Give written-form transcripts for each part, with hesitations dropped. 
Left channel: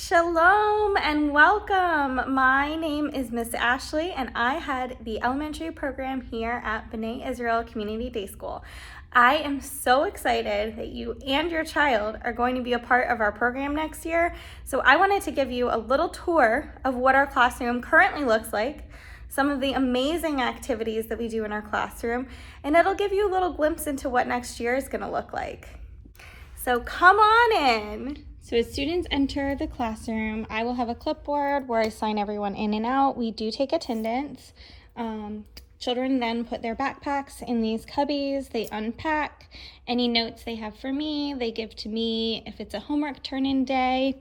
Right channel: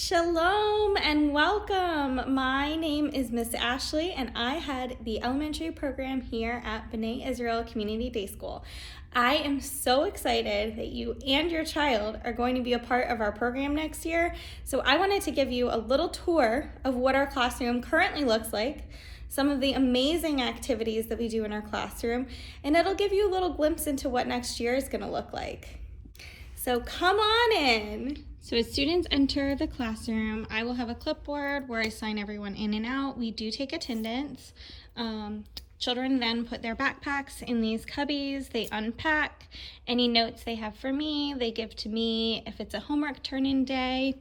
Shalom and welcome. My name is Miss Ashley and I head the elementary program here at B'nai Israel Community Day School. I am so excited that you and your child are going to be a part of our program next year. So I wanted to give you a little tour of what our classroom currently looks like, some of the amazing activities that we do in our classroom, and it'll give you a little glimpse into what next year is going to look like. So come on in. So as students enter the classroom, I will have a clipboard where I sign everyone in and out. We do take attendance. Children then put their backpacks in these cubbies. They unpack any notes they have for me. They give to me if it's a homework turn-in day.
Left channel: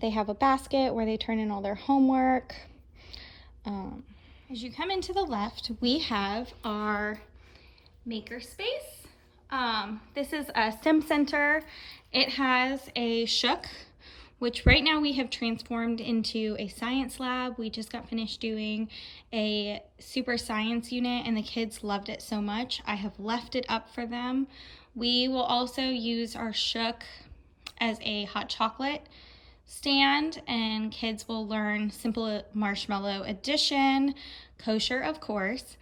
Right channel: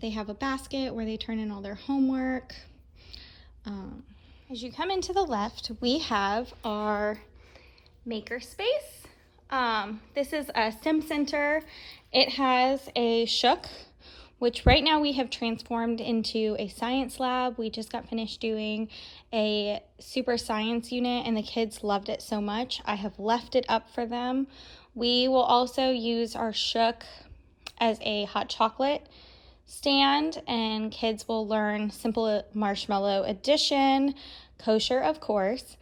They have a basket where they turn in all their homework. As you come into the left, we have our maker space. This is a STEM center. It has a shook, which right now we have transformed into a science lab. We just got finished doing a super science unit and the kids loved it so much. I have left it up for them. We will also use our shook as a hot chocolate stand and kids will learn simple marshmallow addition, kosher of course.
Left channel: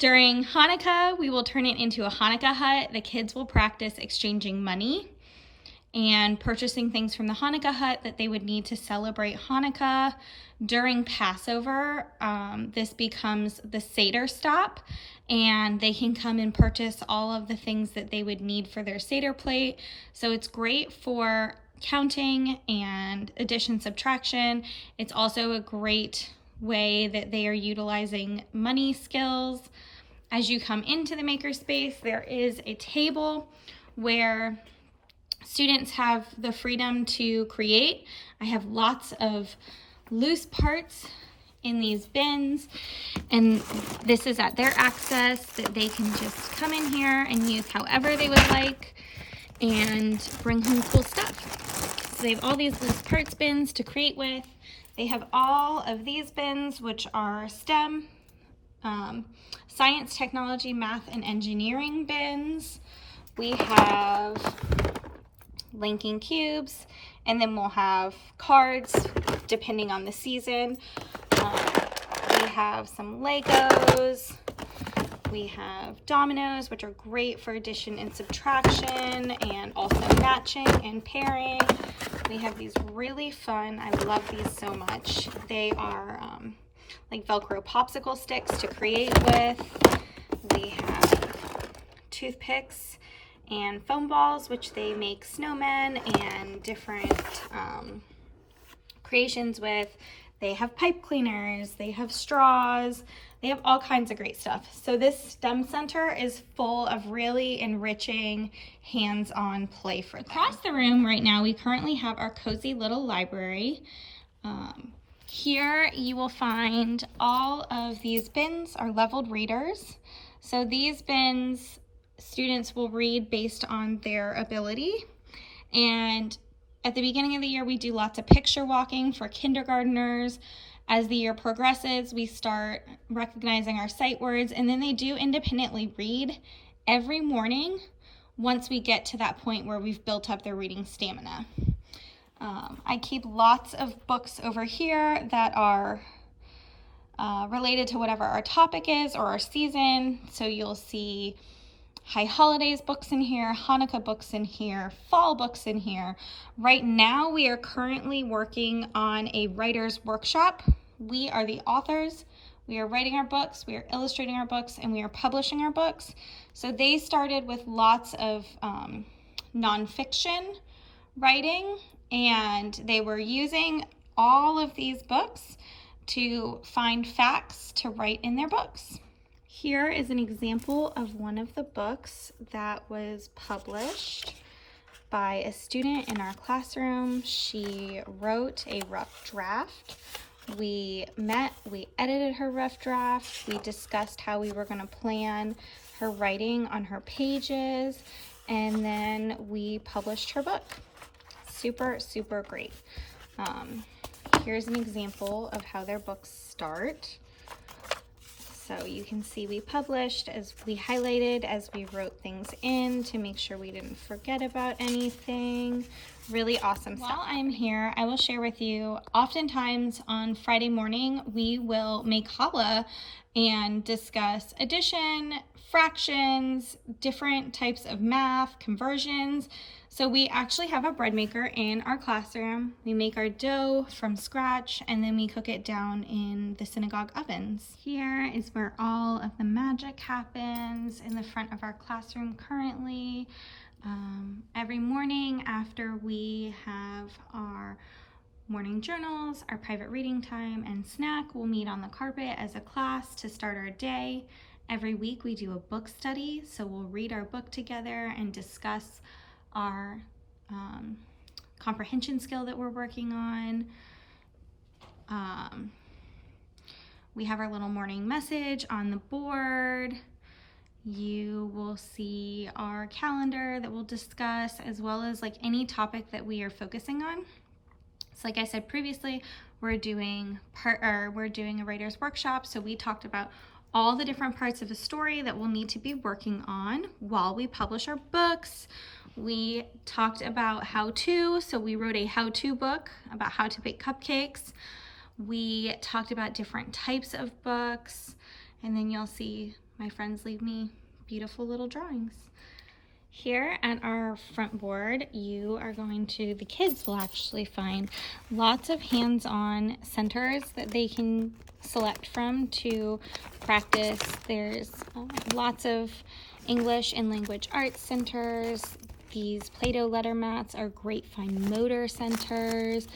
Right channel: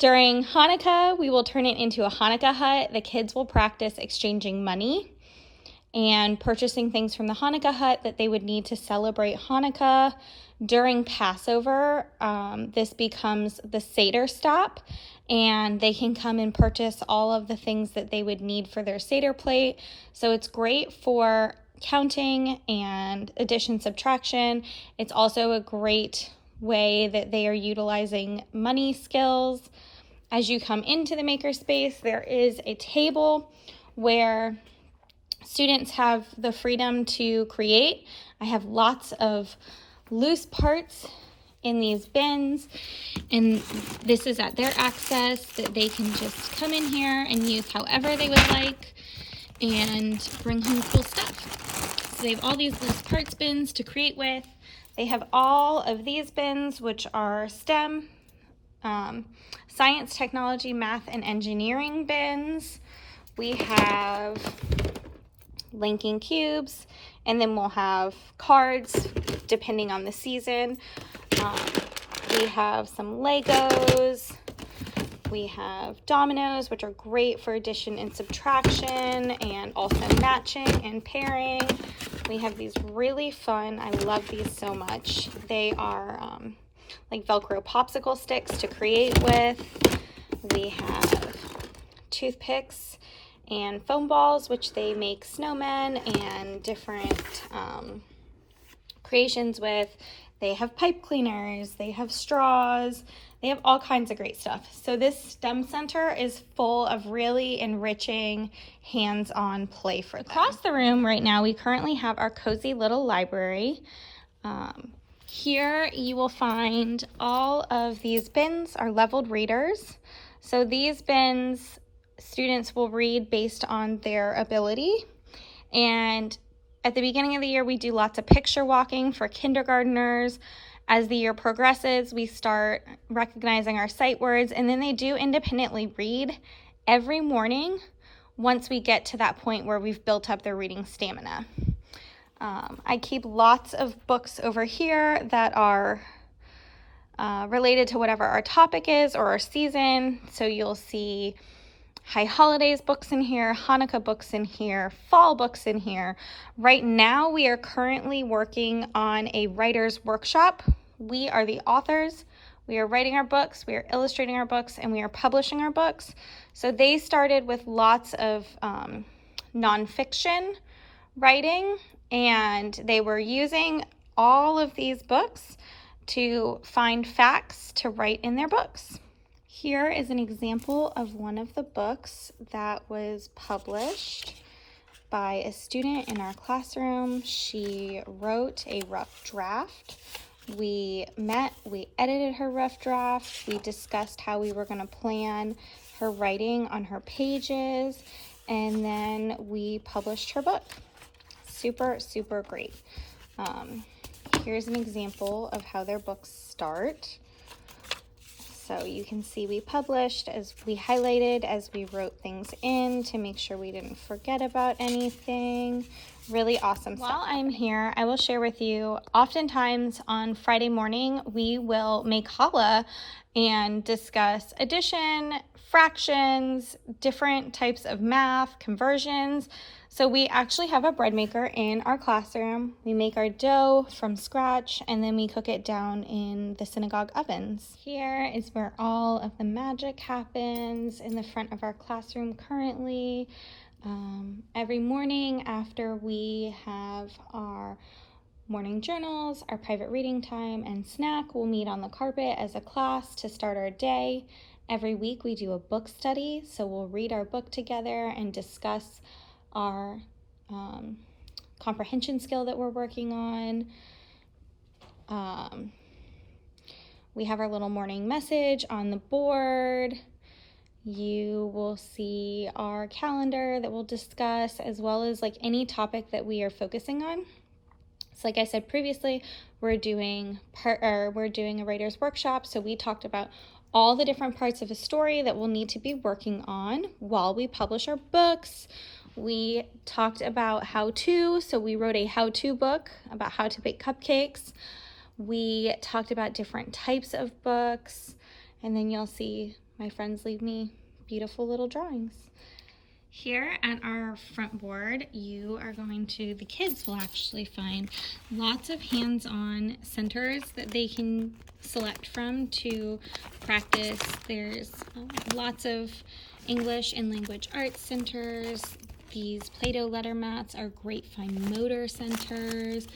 During Hanukkah, we will turn it into a Hanukkah hut. The kids will practice exchanging money and purchasing things from the Hanukkah hut that they would need to celebrate Hanukkah. During Passover, this becomes the Seder stop, and they can come and purchase all of the things that they would need for their Seder plate. So it's great for counting and addition, subtraction. It's also a great way that they are utilizing money skills. As you come into the makerspace, there is a table where students have the freedom to create. I have lots of loose parts in these bins, and this is at their access that they can just come in here and use however they would like and bring home cool stuff. So they have all these loose parts bins to create with. They have all of these bins, which are STEM, science, technology, math, and engineering bins. We have linking cubes, and then we'll have cards depending on the season. We have some Legos. We have dominoes, which are great for addition and subtraction and also matching and pairing. We have these really fun, I love these so much. They are like Velcro popsicle sticks to create with. We have toothpicks and foam balls, which they make snowmen and different creations with. They have pipe cleaners, they have straws, they have all kinds of great stuff. So this STEM center is full of really enriching hands-on play for them. Across the room right now, we currently have our cozy little library. Here you will find all of these bins are leveled readers. So these bins, students will read based on their ability. And at the beginning of the year, we do lots of picture walking for kindergartners. As the year progresses, we start recognizing our sight words, and then they do independently read every morning once we get to that point where we've built up their reading stamina. I keep lots of books over here that are related to whatever our topic is or our season. So you'll see High Holidays books in here, Hanukkah books in here, fall books in here. Right now, we are currently working on a writer's workshop. We are the authors. We are writing our books, we are illustrating our books, and we are publishing our books. So they started with lots of nonfiction writing, and they were using all of these books to find facts to write in their books. Here is an example of one of the books that was published by a student in our classroom. She wrote a rough draft. We met, we edited her rough draft. We discussed how we were going to plan her writing on her pages, and then we published her book. Super, super great. Here's an example of how their books start. So you can see we published as we highlighted as we wrote things in to make sure we didn't forget about anything. Really awesome stuff. While I'm here, I will share with you, oftentimes on Friday morning, we will make challah and discuss addition, fractions, different types of math, conversions. So we actually have a bread maker in our classroom. We make our dough from scratch and then we cook it down in the synagogue ovens. Here is where all of the magic happens in the front of our classroom currently. Every morning after we have our morning journals, our private reading time, and snack, we'll meet on the carpet as a class to start our day. Every week we do a book study, so we'll read our book together and discuss our comprehension skill that we're working on. We have our little morning message on the board. You will see our calendar that we'll discuss, as well as like any topic that we are focusing on. So like I said previously, we're doing a writer's workshop. So we talked about all the different parts of a story that we'll need to be working on while we publish our books. We talked about how-to, so we wrote a how-to book about how to bake cupcakes. We talked about different types of books, and then you'll see my friends leave me beautiful little drawings. Here at our front board, the kids will actually find lots of hands-on centers that they can select from to practice. There's lots of English and language arts centers. These Play-Doh letter mats are great fine motor centers.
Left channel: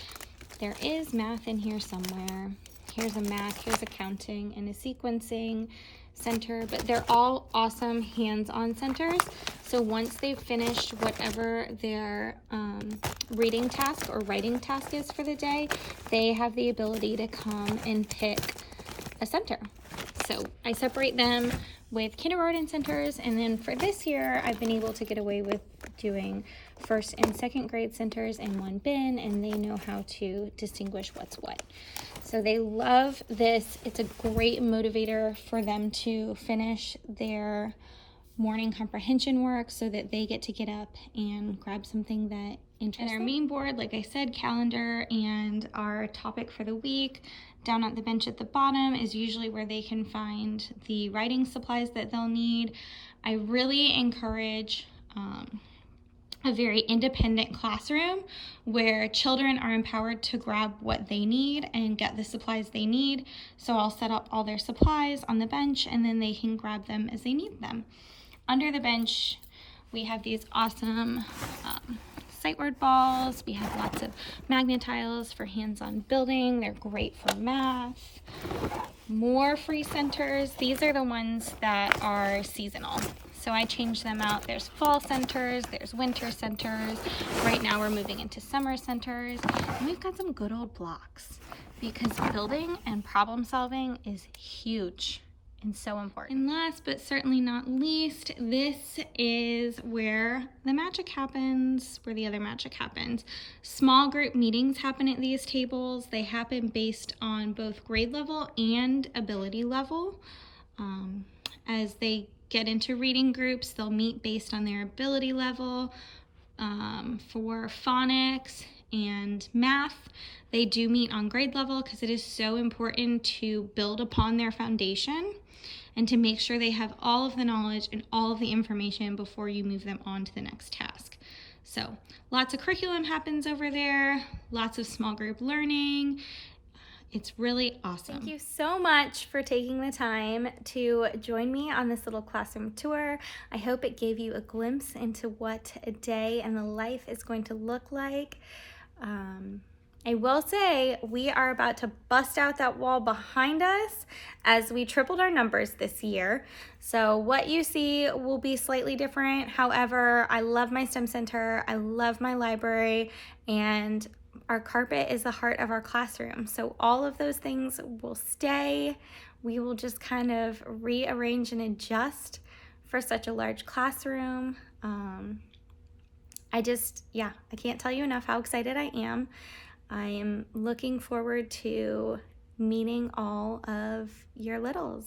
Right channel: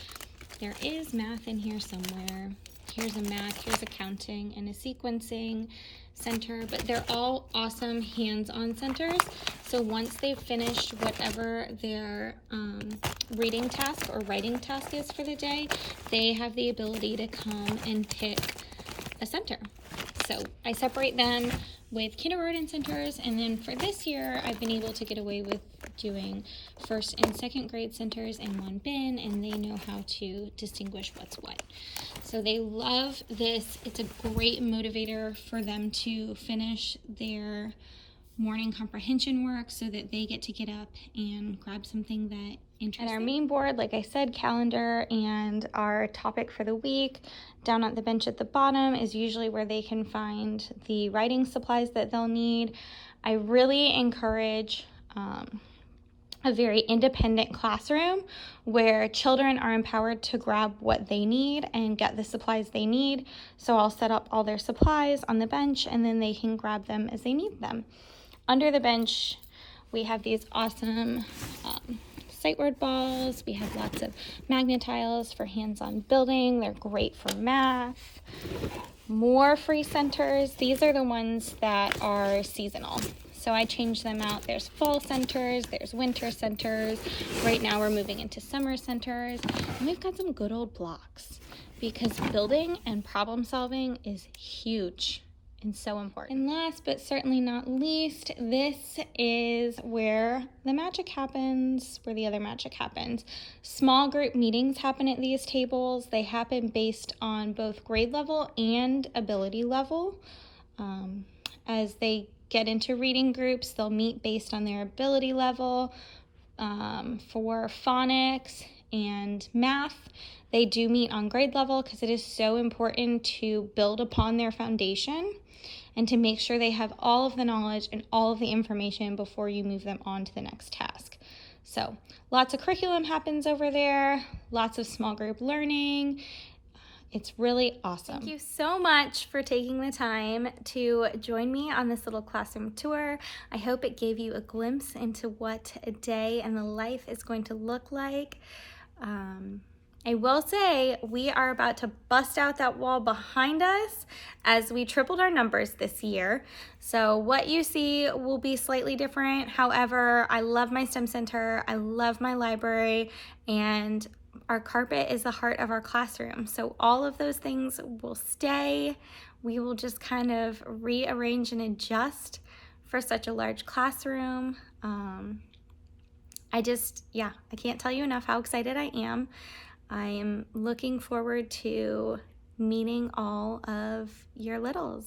There is math in here somewhere. Here's a math, here's accounting, and a sequencing center, but they're all awesome hands-on centers. So once they've finished whatever their reading task or writing task is for the day, they have the ability to come and pick a center. So I separate them with kindergarten centers, and then for this year, I've been able to get away with doing first and second grade centers in one bin, and they know how to distinguish what's what. So they love this. It's a great motivator for them to finish their morning comprehension work so that they get to get up and grab something that interests them. And our main board, like I said, calendar and our topic for the week. Down at the bench at the bottom is usually where they can find the writing supplies that they'll need. I really encourage a very independent classroom where children are empowered to grab what they need and get the supplies they need. So I'll set up all their supplies on the bench and then they can grab them as they need them. Under the bench, we have these awesome sight word balls. We have lots of magnetiles for hands-on building. They're great for math. More free centers. These are the ones that are seasonal. So I change them out. There's fall centers, there's winter centers. Right now we're moving into summer centers. And we've got some good old blocks because building and problem solving is huge and so important. And last but certainly not least, this is where the magic happens, where the other magic happens. Small group meetings happen at these tables. They happen based on both grade level and ability level. As they get into reading groups, they'll meet based on their ability level. For phonics and math, they do meet on grade level because it is so important to build upon their foundation and to make sure they have all of the knowledge and all of the information before you move them on to the next task. So lots of curriculum happens over there, lots of small group learning. It's really awesome. Thank you so much for taking the time to join me on this little classroom tour. I hope it gave you a glimpse into what a day in the life is going to look like. I will say we are about to bust out that wall behind us as we tripled our numbers this year. So what you see will be slightly different. However, I love my STEM center, I love my library, and our carpet is the heart of our classroom. So all of those things will stay. We will just kind of rearrange and adjust for such a large classroom. I can't tell you enough how excited I am. I am looking forward to meeting all of your littles.